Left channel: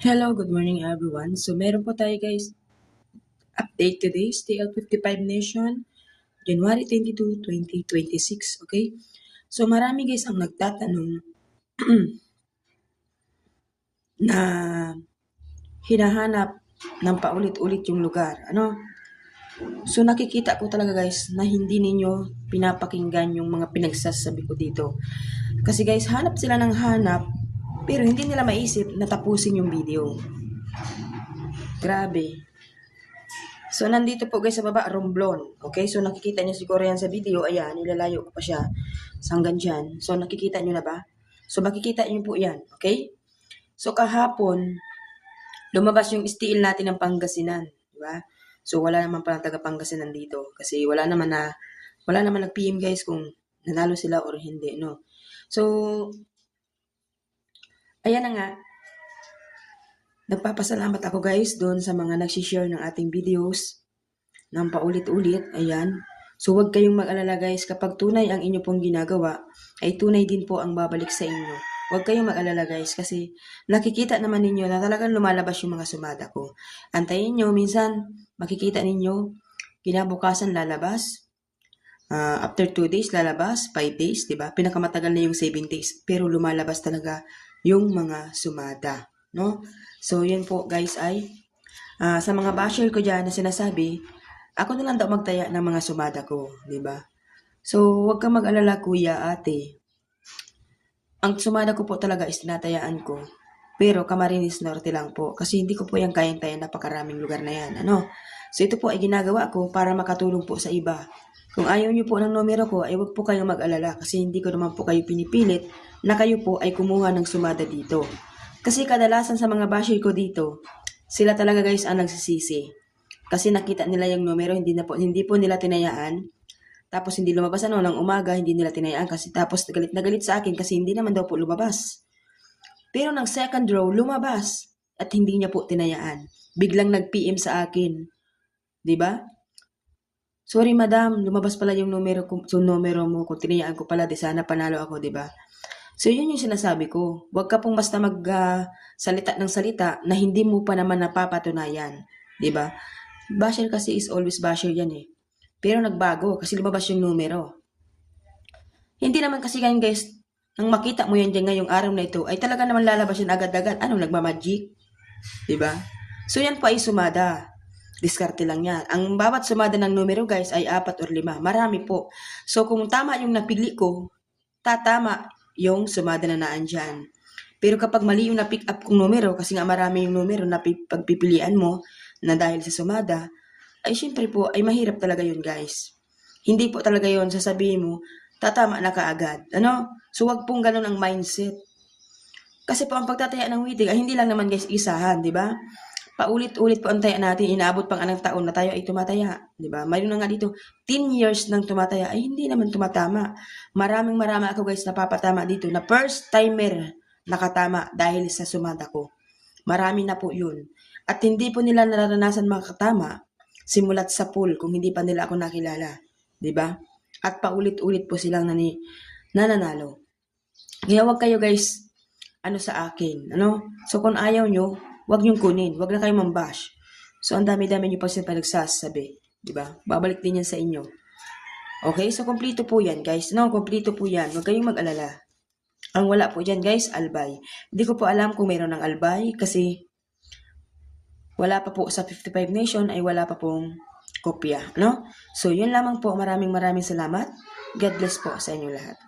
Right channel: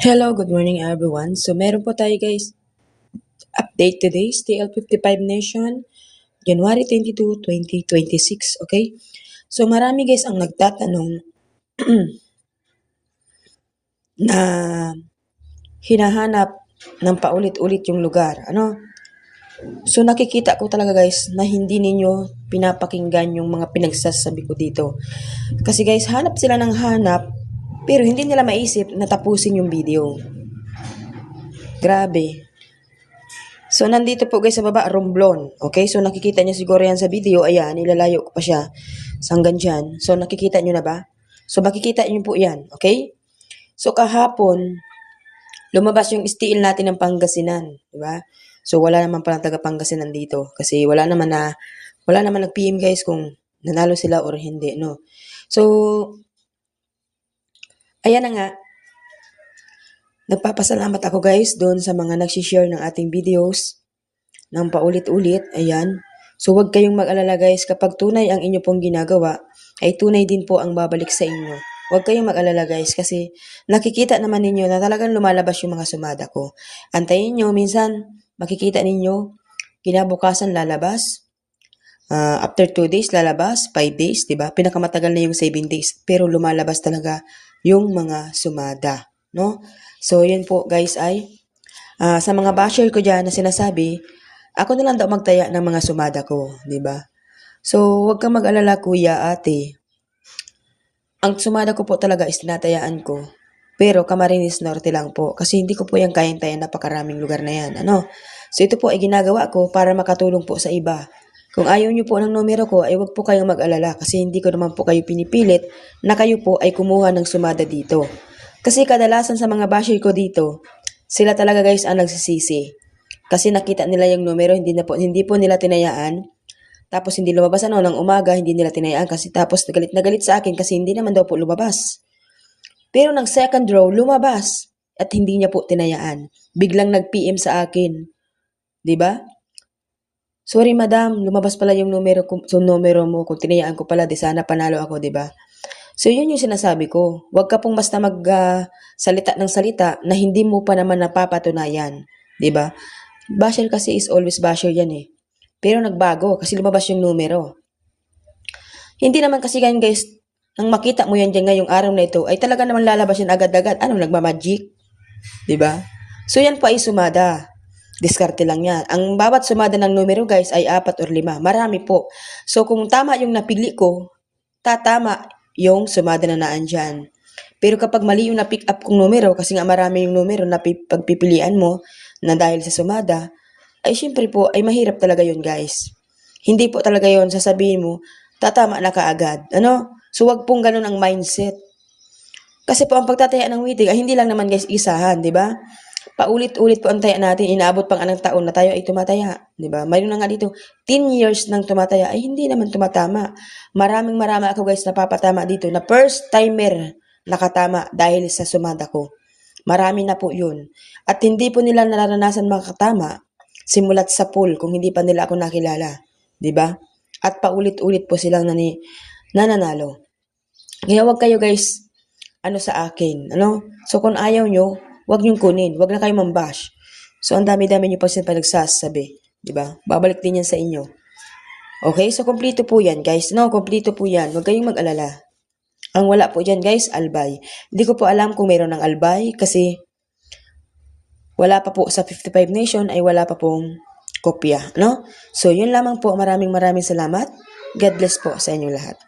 Hello, good morning everyone. So meron po tayo guys, update today, TL55 Nation, January 22, 2026, okay? So marami guys ang nagtatanong na hinahanap ng paulit-ulit yung lugar, ano? So nakikita ko talaga guys na hindi ninyo pinapakinggan yung mga pinagsasabi ko dito. Kasi guys, hanap sila ng hanap, pero hindi nila maisip na tapusin yung video. Grabe. So, nandito po guys sa baba, Romblon. Okay? So, nakikita nyo siguro yan sa video. Ayan, ilalayo ko pa siya. So, hanggang dyan. So, nakikita nyo na ba? So, makikita nyo po yan. Okay? So, kahapon, lumabas yung steel natin ng Pangasinan. Diba? So, wala naman palang taga Pangasinan dito. Kasi wala naman nag-PM guys kung nanalo sila or hindi, no? So, ayan na nga. Nagpapasalamat ako guys doon sa mga nagsishare ng ating videos ng paulit-ulit. Ayan. So huwag kayong mag-alala guys, kapag tunay ang inyo pong ginagawa, ay tunay din po ang babalik sa inyo. Huwag kayong mag-alala guys kasi nakikita naman ninyo na talagang lumalabas yung mga sumada ko. Antayin nyo, minsan makikita ninyo, kinabukasan lalabas, after 2 days lalabas, 5 days, diba? Pinakamatagal na yung 7 days, pero lumalabas talaga yung mga sumada, no? So yun po guys ay, sa mga basher ko dyan na sinasabi, ako na lang daw magtaya ng mga sumada ko, di ba? So, huwag kang mag-alala kuya, ate. Ang sumada ko po talaga is tinatayaan ko. Pero Camarines Norte lang po. Kasi hindi ko po yung kayang-tayan napakaraming lugar na yan. Ano? So, ito po ay ginagawa ko para makatulong po sa iba. Kung ayaw nyo po ng numero ko, ay huwag po kayong mag-alala. Kasi hindi ko naman po kayo pinipilit na kayo po ay kumuha ng sumada dito. Kasi kadalasan sa mga basher ko dito, sila talaga guys ang nagsisisi. Kasi nakita nila yung numero, hindi po nila tinayaan. Tapos hindi lumabas ng umaga, hindi nila tinayaan kasi tapos galit na galit sa akin kasi hindi naman daw po lumabas. Pero ng second row, lumabas at hindi niya po tinayaan. Biglang nag-PM sa akin. 'Di ba? Sorry madam, lumabas pala yung numero mo. Kung tinayaan ko pala, di sana panalo ako, 'di ba? So yun yung sinasabi ko. Huwag ka pong basta salita ng salita na hindi mo pa naman napapatunayan. 'Di ba? Basher kasi is always basher yan eh. Pero nagbago kasi lumabas yung numero. Hindi naman kasi ganyan guys, nang makita mo yan dyan ngayong araw na ito, ay talaga naman lalabas yan agad-agad. Anong nagmamagic? 'Di ba? So yan po ay sumada. Diskarte lang yan. Ang bawat sumada ng numero guys ay 4 or 5. Marami po. So kung tama yung napili ko, tatama yung sumada na naandyan. Pero kapag mali yung na-pick up kong numero, kasi nga marami yung numero na pagpipilian mo na dahil sa sumada, ay syempre po ay mahirap talaga yun guys. Hindi po talaga yun sasabihin mo, tatama na kaagad. Ano? So wag pong ganun ang mindset. Kasi po ang pagtataya ng waiting ay hindi lang naman guys isahan, di ba? Paulit-ulit po ang taya natin, inaabot pang anong taon na tayo ay tumataya, di ba? Mayroon na nga dito, 10 years nang tumataya ay hindi naman tumatama. Marami ako guys napapatama dito na first timer nakatama dahil sa sumada ko. Marami na po yun. At hindi po nila nararanasan makatama simulat sa pool kung hindi pa nila ako nakilala. 'Di ba? At paulit-ulit po silang nananalo. Kaya wag kayo guys, sa akin, ano? So kung ayaw nyo, wag nyong kunin. Wag na kayo mambash. So ang dami-dami nyo pa sila nagsasabi. 'Di ba? Babalik din yan sa inyo. Okay? So kompleto po yan guys. No, kompleto po yan. Wag kayong mag-alala. Ang wala po dyan guys, albay. Hindi ko po alam kung mayroon ng albay kasi wala pa po sa 55 Nation ay wala pa pong kopya, no? So, yun lamang po. Maraming salamat. God bless po sa inyo lahat.